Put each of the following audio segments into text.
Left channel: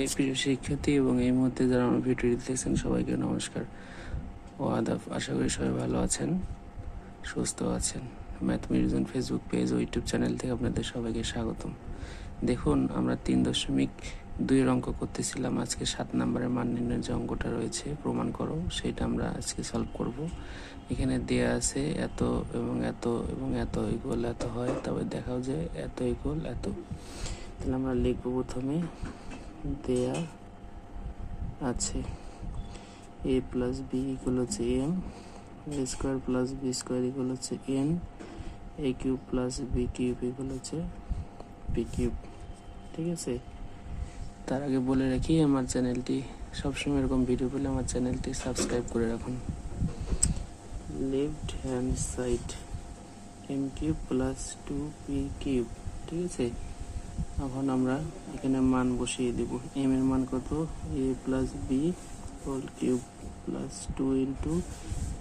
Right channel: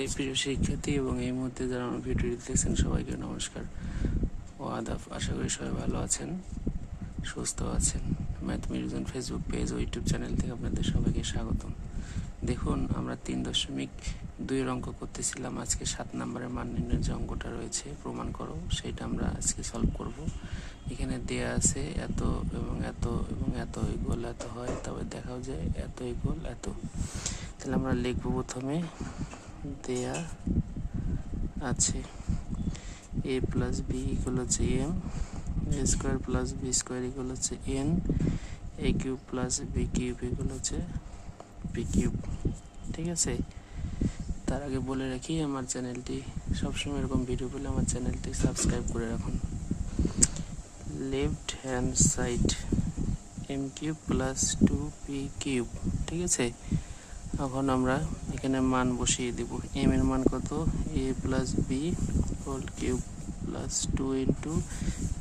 এই প্রিয় শিক্ষার্থী এবং এই মুহূর্তে যারা আমার ভিডিওটি দেখছেন সবাইকে নমস্কার। ও আদাব, আশা করি সবাই ভালো আছেন, সুস্থ আছেন। ম্যাথ মিউজিয়াম ফেসবুক পেজ ও ইউটিউব চ্যানেল থেকে আপনাদের সবাইকে স্বাগতম। দেখুন, আমরা তিন দশমিক দুইয়ের অঙ্ক করতেছিলাম। আজকে সাত নম্বরের মান নির্ণয়ের যে অঙ্কটা রয়েছে, প্রমাণ করো, সেটা আমরা আজকে সলভ করব। এখানে দেয়া আছে এত এবং এত এবং এত ইকুয়াল এত হয়, তবে দেখাও যে এত ইকুয়াল এত। তাহলে আমরা লিখব প্রথমে দেয়া আছে। এ প্লাস বি ইকুয়াল হচ্ছে M A square plus B square equal হচ্ছে N A cube plus B cube equal হচ্ছে বি কিউব ঠিক আছে? তার আগে বলে রাখি, আমার চ্যানেলটি সবসময় এরকম ভিডিও পেলে আমার চ্যানেলটি সাবস্ক্রাইব করে রাখুন। Left hand side M cube plus two P cube ঠিক আছে? এখন আমরা এখানে মান বসিয়ে দেব। এম এর মান কত? A plus B whole cube plus two into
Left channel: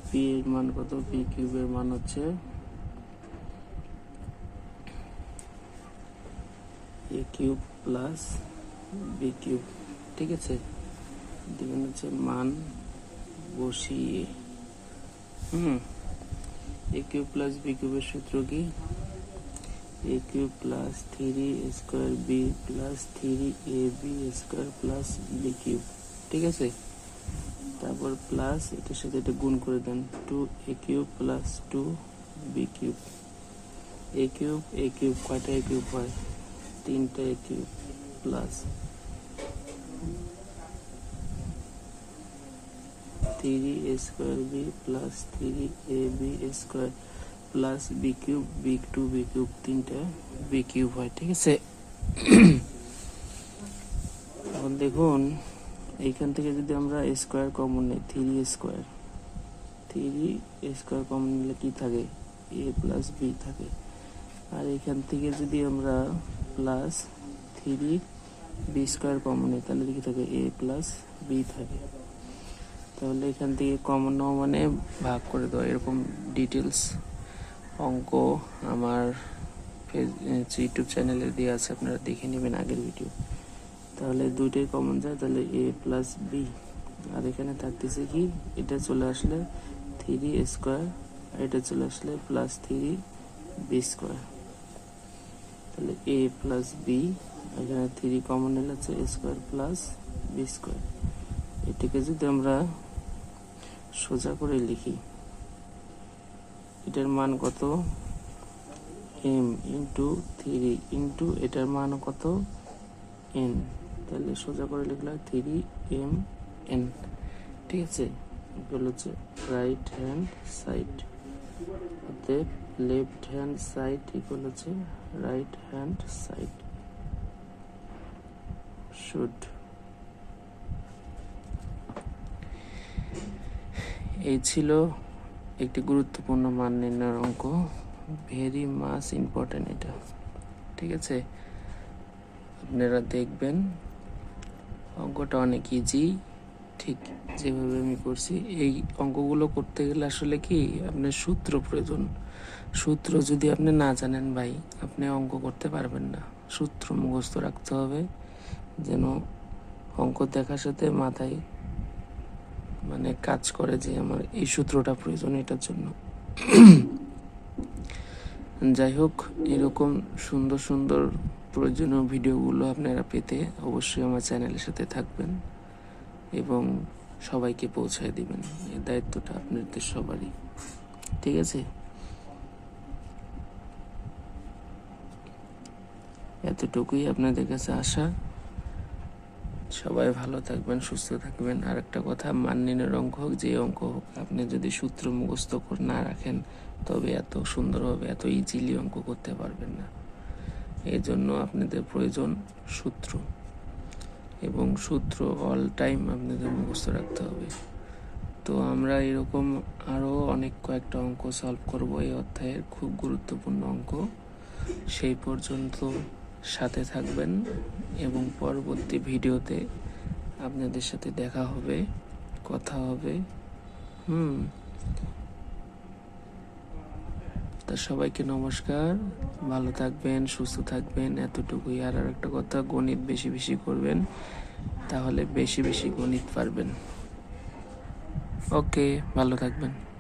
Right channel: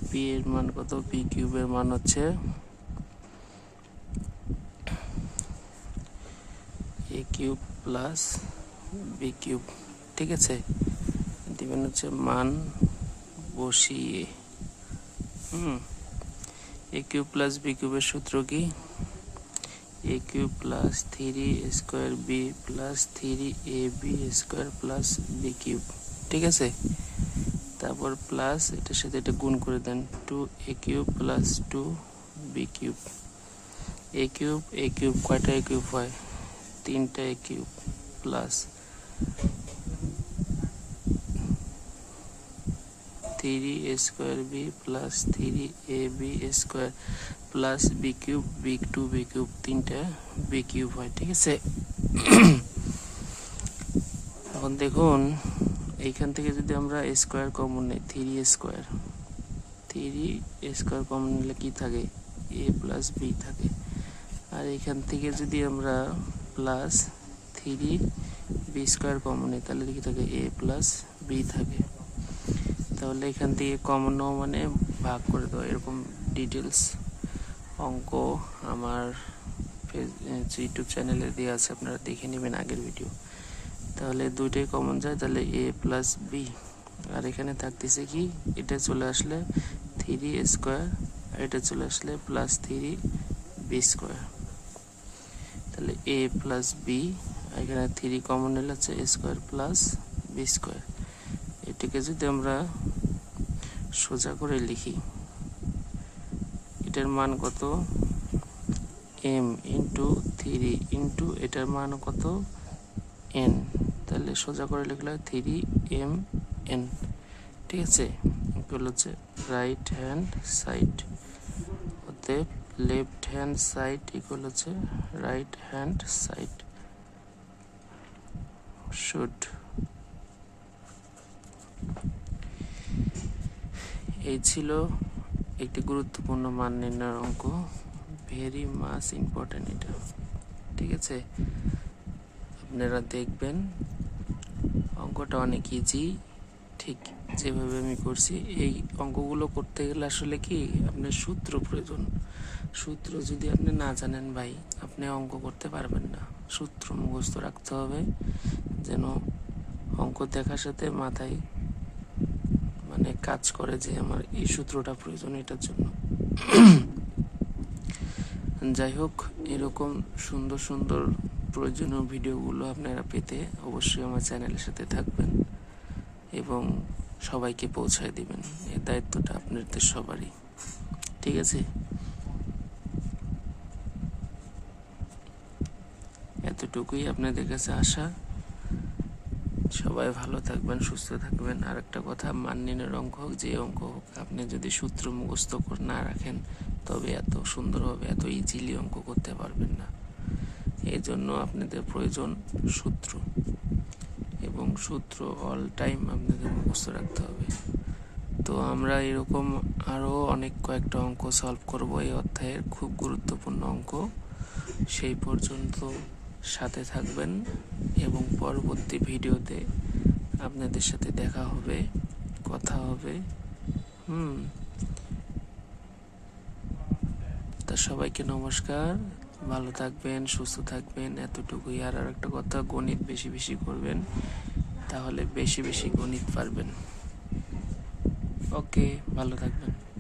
P এর মান কত? পি কিউবের মান হচ্ছে A cube plus B cube ঠিক আছে? দিবেন হচ্ছে মান বসিয়ে। হুম এ কিউব প্লাস বি কিউবের সূত্র কি? A cube plus three square B plus three A B square plus B cube ঠিক আছে? তারপর প্লাস এটার সাথে এটা গুণ করে দেন two A cube plus two B cube A cube A cube কয়টা এ কিউব হয়? তিনটা A cube plus three square B plus three A B square plus B cube B two B cube তিনটা B cube হয়, ঠিক আছে? এখন দেখুন, এইখান থেকে যদি আমরা স্কোয়ার কমন নেই three square three square common নিলে কি থাকে? এ প্লাস বি থাকে। আর এখান থেকে যদি আমরা plus three B square common নেই, তাহলে কি থাকে? এ প্লাস বি থাকে। তাহলে এখান থেকে কমন মানে ভাগ করে দেওয়া, এরকম ডিটেলস অঙ্ক আমার ইউটিউব চ্যানেলে দেওয়া আছে, আপনারা দেখে নেবেন আগের ভিডিও। তাহলে দুইটাই কমন যায়, তাহলে এ প্লাস বি আর এখানে থাকতেছে কি, এটা চলে আসলে থ্রি স্কোয়ার এটা চলে আসলে প্লাস থ্রি বি স্কোয়ার তাহলে এ প্লাস বি এখানে থ্রি কমন এলে হচ্ছে A square plus B square এটাকে যদি আমরা সোজা করে লিখি এটার মান কত? এম ইন্টু থ্রি ইন্টু এটার মান কত? এন তাহলে সোজা করে লিখলে থ্রি এম এন ঠিক আছে? এগুলো হচ্ছে রাইট হ্যান্ড সাইড অতএব লেফট হ্যান্ড সাইড ইকুয়াল হচ্ছে রাইট হ্যান্ড সাইড শুড এই ছিল একটি গুরুত্বপূর্ণ মান নির্ণয়ের অঙ্ক। ভেরি মাস ইম্পর্টেন্ট এটা। ঠিক আছে? আপনারা দেখবেন, অঙ্কটা অনেক ইজি ঠিক যেভাবে আমি করছি, এই অঙ্কগুলো করতে গেলে আসলে কি, আপনার সূত্র প্রয়োজন। সূত্র যদি আপনি না জানেন ভাই, আপনি অঙ্ক করতে পারবেন না। সূত্র মুখস্থ রাখতে হবে, যেন অঙ্ক দেখার সাথে মাথায় মানে কাজ করে যে আমার এই সূত্রটা প্রয়োজন এটার জন্য। যাই হোক, এরকম সুন্দর সুন্দর প্রয়োজনীয় ভিডিওগুলো আপনারা পেতে অবশ্যই আমার চ্যানেলের সাথে থাকবেন এবং সবাইকে পৌঁছায় দিবেন। এই দায়িত্বটা আপনাদের সবারই। ঠিক আছে? এতটুকুই আপনাদের কাছে আশা। সবাই ভালো থাকবেন, সুস্থ থাকবেন। আর একটা কথা মান্যের অঙ্ক হোক, যে অঙ্ক হোক, আপনি যদি সূত্র মুখস্থ করে না রাখেন, তবে এত সুন্দরভাবে, এত ইজিলি অঙ্ক করতে পারবেন না। এই জন্য আপনাদের প্রয়োজন সূত্র। এবং সূত্র অল টাইম আপনাদের মুখস্থ রাখতে হবে। তো আমরা এরকম আরও অনেক কয়েকটা অঙ্ক সলভ করব। এই অধ্যায়ের খুব গুরুত্বপূর্ণ অঙ্ক। সেই পর্যন্ত সাথে থাকবেন এবং পরবর্তী ভিডিওতে আপনাদের সাথে দেখা হবে, কথা হবে। হুম। তা সবাইকে নমস্কার। ভালো থাকবেন, সুস্থ থাকবেন। এতটুকুই আর আর একটা কথা, গণিত বেশি বেশি করবেন, তাহলে বেশি বেশি গণিত পারবেন। ওকে, ভালো থাকবেন।